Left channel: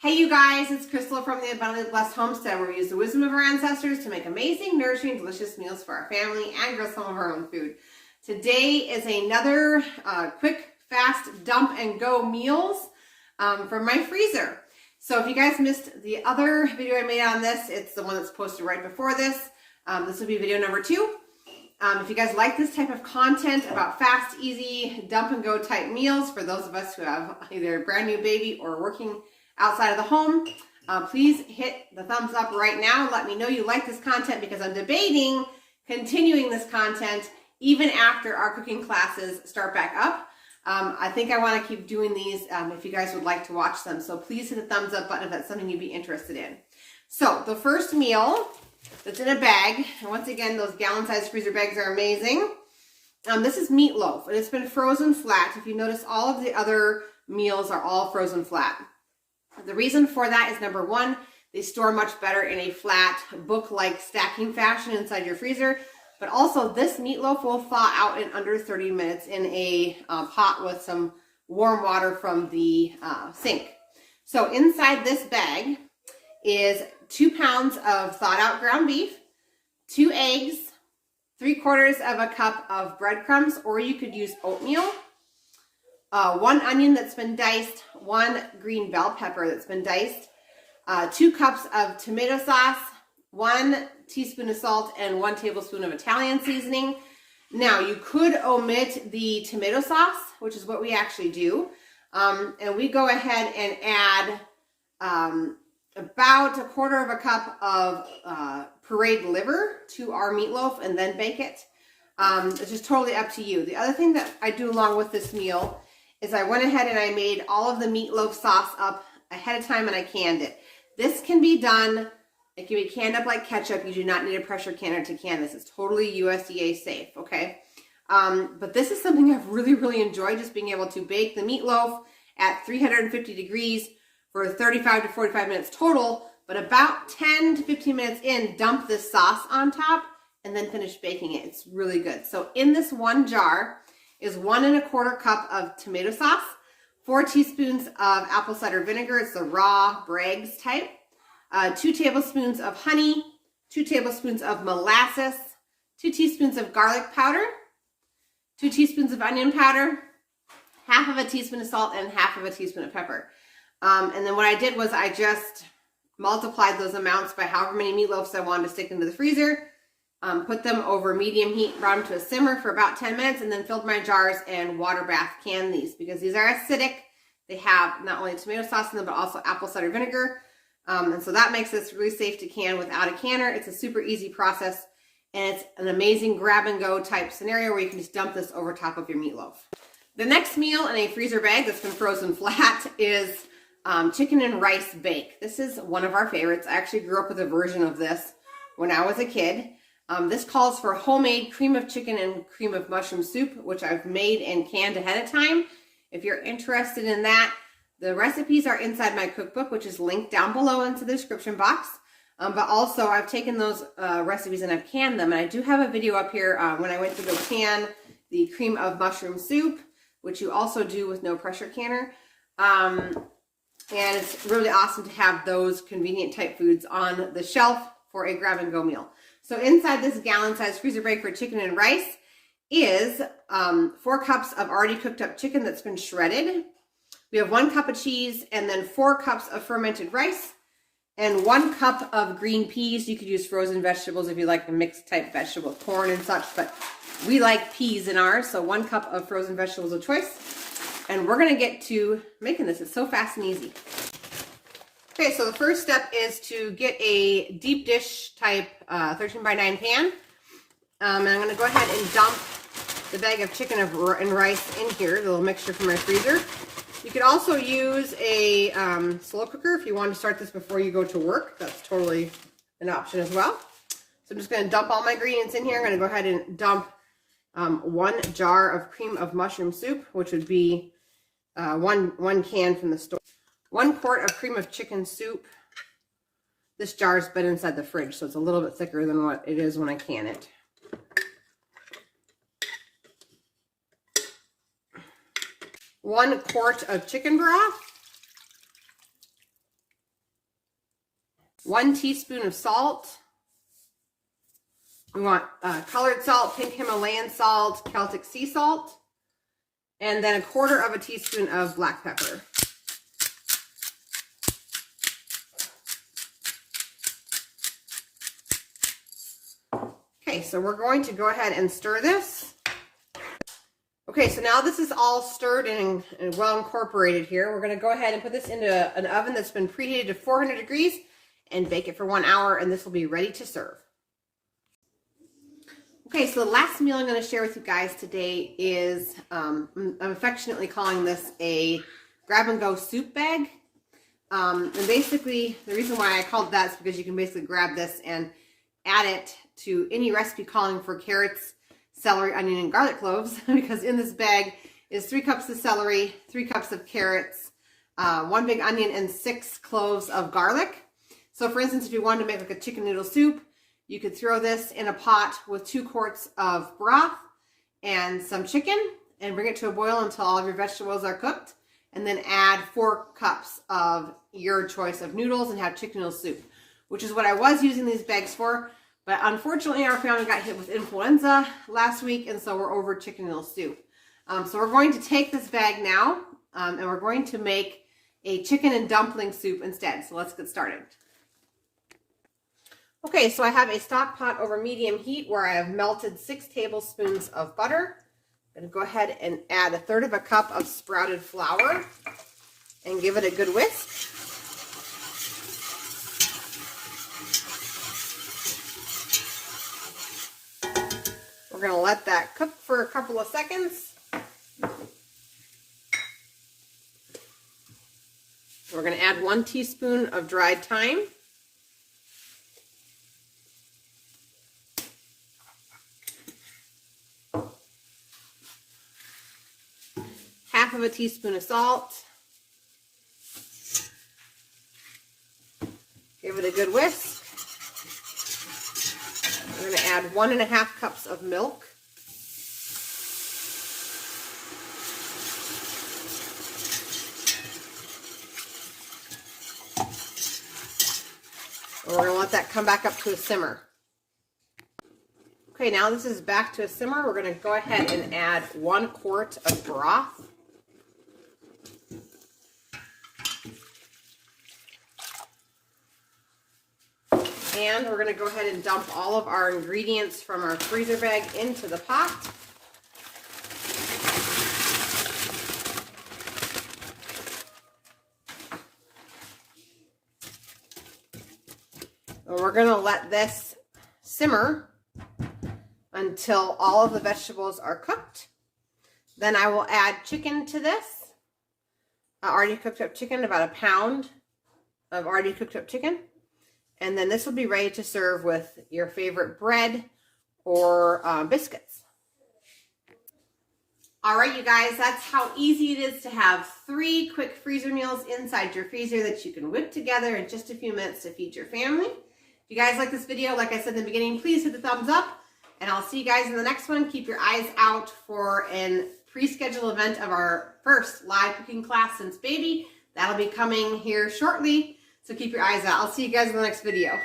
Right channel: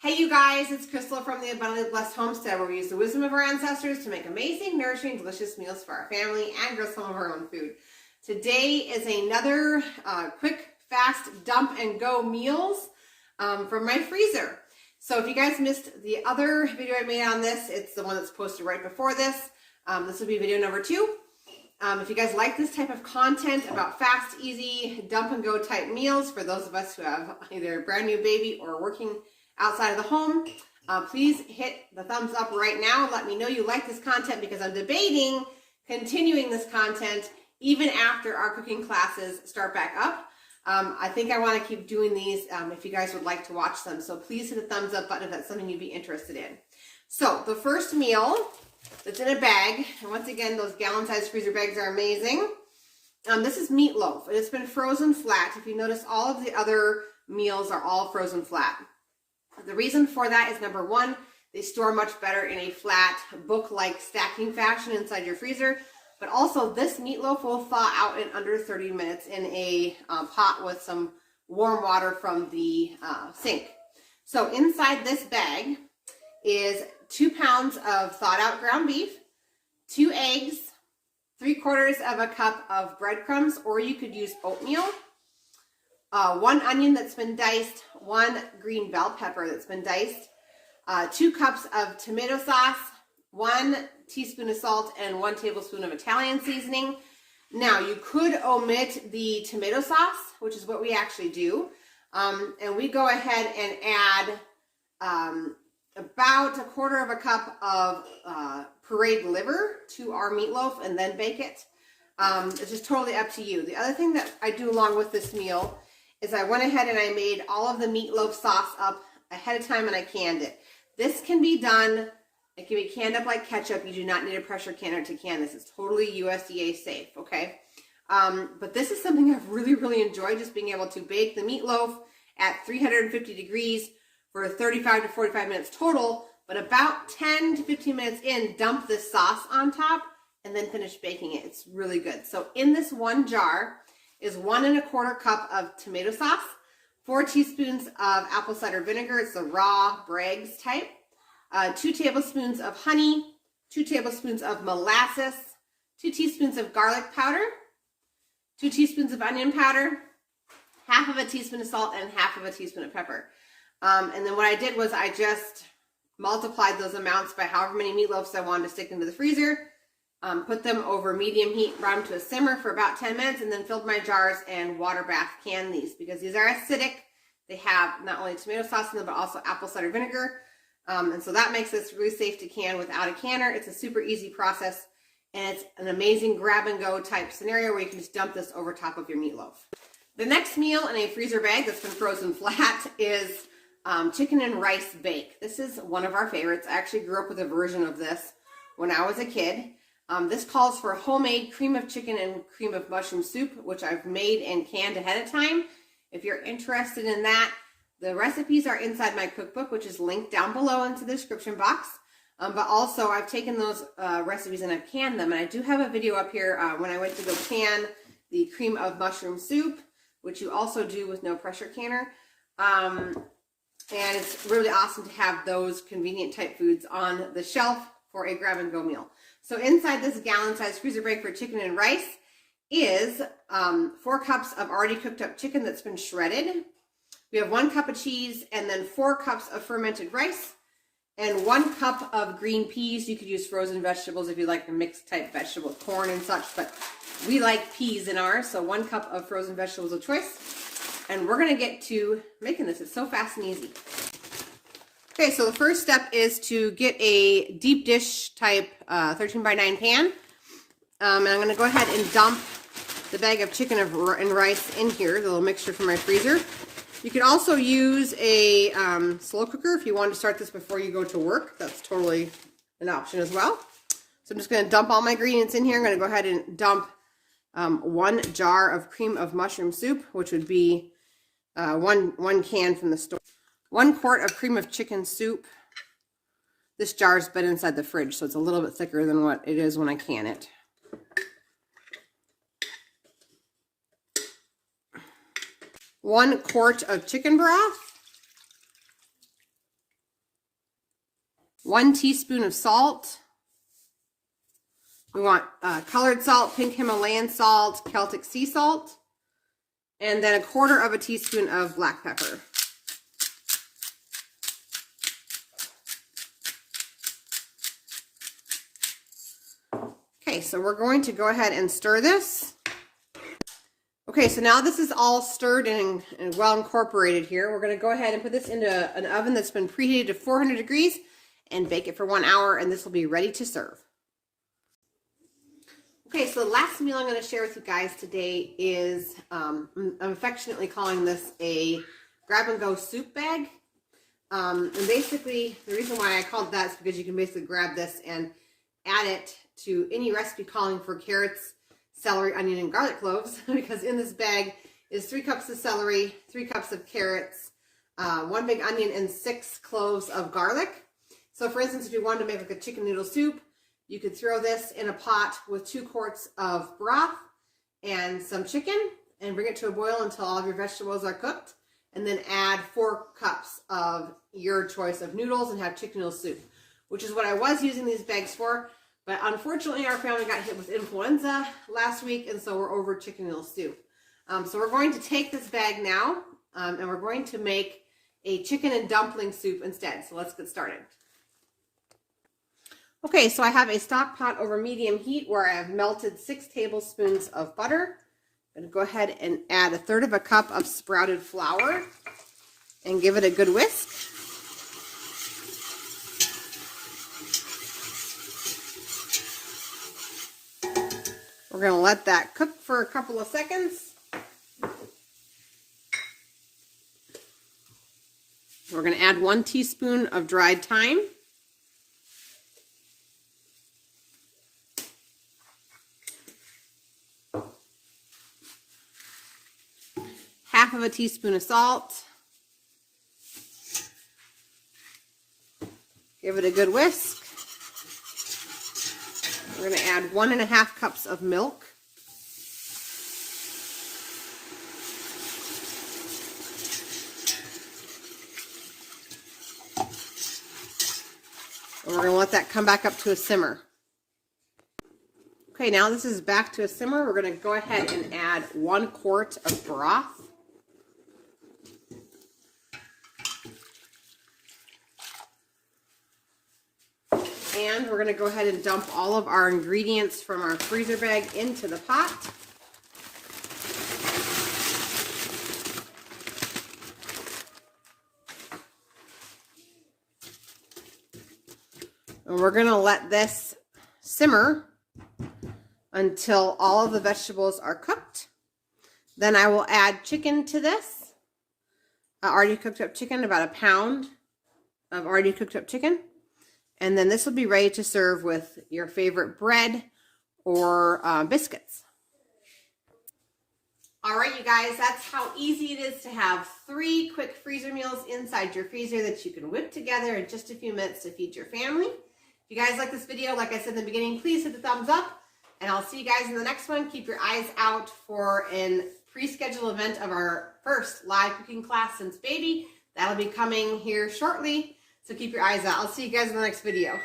Hey you guys, it's Crystal from the Abundantly Blessed Homestead, where we use the wisdom of our ancestors to make amazing, nourishing, delicious meals for our family and grow some of our own food. Today is another quick, fast, dump and go meals from my freezer. So if you guys missed the other video I made on this, it's the one that's posted right before this. This will be video number 2. If you guys like this type of content about fast, easy, dump and go type meals for those of us who have either a brand new baby or working outside of the home, please hit the thumbs up right now. Let me know you like this content because I'm debating continuing this content even after our cooking classes start back up. I think I want to keep doing these if you guys would like to watch them. So please hit the thumbs up button if that's something you'd be interested in. So the first meal that's in a bag, and once again, those gallon-sized freezer bags are amazing. This is meatloaf. It's been frozen flat. If you notice, all of the other meals are all frozen flat. The reason for that is, number one, they store much better in a flat book-like stacking fashion inside your freezer. But also, this meatloaf will thaw out in under 30 minutes in a pot with some warm water from the sink. So inside this bag is 2 pounds of thawed out ground beef, 2 eggs, 3/4 of a cup of breadcrumbs, or you could use oatmeal, 1 onion that's been diced, 1 green bell pepper that's been diced, 2 cups of tomato sauce, 1 teaspoon of salt, and 1 tablespoon of Italian seasoning. Now, you could omit the tomato sauce, which is what we actually do, and we go ahead and add about 1/4 of a cup of pureed liver to our meatloaf and then bake it. It's just totally up to you. The other thing that I do along with this meal is I went ahead and I made all of the meatloaf sauce up ahead of time and I canned it. This can be done, it can be canned up like ketchup. You do not need a pressure canner to can this. It's totally USDA safe, okay? But this is something I've really enjoyed, just being able to bake the meatloaf at 350 degrees for 35 to 45 minutes total, but about 10 to 15 minutes in, dump this sauce on top and then finish baking it. It's really good. So in this one jar is 1 1/4 cup of tomato sauce, 4 teaspoons of apple cider vinegar. It's the raw Bragg's type. 2 tablespoons of honey, 2 tablespoons of molasses, 2 teaspoons of garlic powder, 2 teaspoons of onion powder, 1/2 of a teaspoon of salt, and 1/2 of a teaspoon of pepper. And then what I did was I just multiplied those amounts by however many meatloafs I wanted to stick into the freezer, put them over medium heat, brought them to a simmer for about 10 minutes, and then filled my jars and water bath canned these because these are acidic. They have not only tomato sauce in them, but also apple cider vinegar. And so that makes this really safe to can without a canner. It's a super easy process, and it's an amazing grab and go type scenario where you can just dump this over top of your meatloaf. The next meal in a freezer bag that's been frozen flat is chicken and rice bake. This is one of our favorites. I actually grew up with a version of this when I was a kid. This calls for homemade cream of chicken and cream of mushroom soup, which I've made and canned ahead of time. If you're interested in that, the recipes are inside my cookbook, which is linked down below into the description box. But also, I've taken those recipes and I've canned them. And I do have a video up here when I went to go can the cream of mushroom soup, which you also do with no pressure canner. And it's really awesome to have those convenient type foods on the shelf for a grab and go meal. So inside this gallon-sized freezer bag for chicken and rice is 4 cups of already cooked up chicken that's been shredded. We have 1 cup of cheese and then 4 cups of fermented rice and 1 cup of green peas. You could use frozen vegetables if you like a mixed type vegetable, corn and such, but we like peas in ours, so 1 cup of frozen vegetables of choice. And we're going to get to making this. It's so fast and easy. Okay, so the first step is to get a deep dish type 13 by 9 pan. And I'm going to go ahead and dump the bag of chicken and rice in here, the little mixture from my freezer. You could also use a slow cooker if you want to start this before you go to work. That's totally an option as well. So I'm just going to dump all my ingredients in here. I'm going to go ahead and dump 1 jar of cream of mushroom soup, which would be one can from the store. 1 quart of cream of chicken soup. This jar's been inside the fridge, so it's a little bit thicker than what it is when I can it. 1 quart of chicken broth. 1 teaspoon of salt. We want colored salt, pink Himalayan salt, Celtic sea salt, and then 1/4 teaspoon of black pepper. Okay, so we're going to go ahead and stir this. Okay, so now this is all stirred and well incorporated here. We're going to go ahead and put this into an oven that's been preheated to 400 degrees and bake it for 1 hour, and this will be ready to serve. Okay, so the last meal I'm going to share with you guys today is, I'm affectionately calling this a grab-and-go soup bag. And basically, the reason why I called that is because you can basically grab this and add it to any recipe calling for carrots, celery, onion, and garlic cloves, because in this bag is 3 cups of celery, 3 cups of carrots, 1 big onion, and 6 cloves of garlic. So for instance, if you wanted to make like a chicken noodle soup, you could throw this in a pot with 2 quarts of broth and some chicken and bring it to a boil until all of your vegetables are cooked, and then add 4 cups of your choice of noodles and have chicken noodle soup, which is what I was using these bags for. But unfortunately, our family got hit with influenza last week, and so we're over chicken noodle soup. So we're going to take this bag now, and we're going to make a chicken and dumpling soup instead. So let's get started. Okay, so I have a stock pot over medium heat where I have melted 6 tablespoons of butter. I'm going to go ahead and add 1/3 cup of sprouted flour and give it a good whisk. We're going to let that cook for a couple of seconds. We're going to add 1 teaspoon of dried thyme. Half of a teaspoon of salt. Give it a good whisk. We're going to add 1.5 cups of milk. And we're going to let that come back up to a simmer. Okay, now this is back to a simmer. We're going to go ahead and add 1 quart of broth. And we're going to go ahead and dump all of our ingredients from our freezer bag into the pot. And we're going to let this simmer until all of the vegetables are cooked. Then I will add chicken to this. Already cooked up chicken, about 1 pound of already cooked up chicken. And then this will be ready to serve with your favorite bread or biscuits. All right, you guys, that's how easy it is to have 3 quick freezer meals inside your freezer that you can whip together in just a few minutes to feed your family. If you guys like this video, like I said in the beginning, please hit the thumbs up, and I'll see you guys in the next one. Keep your eyes out for a pre-scheduled event of our first live cooking class since baby. That'll be coming here shortly. So keep your eyes out. I'll see you guys in the next video.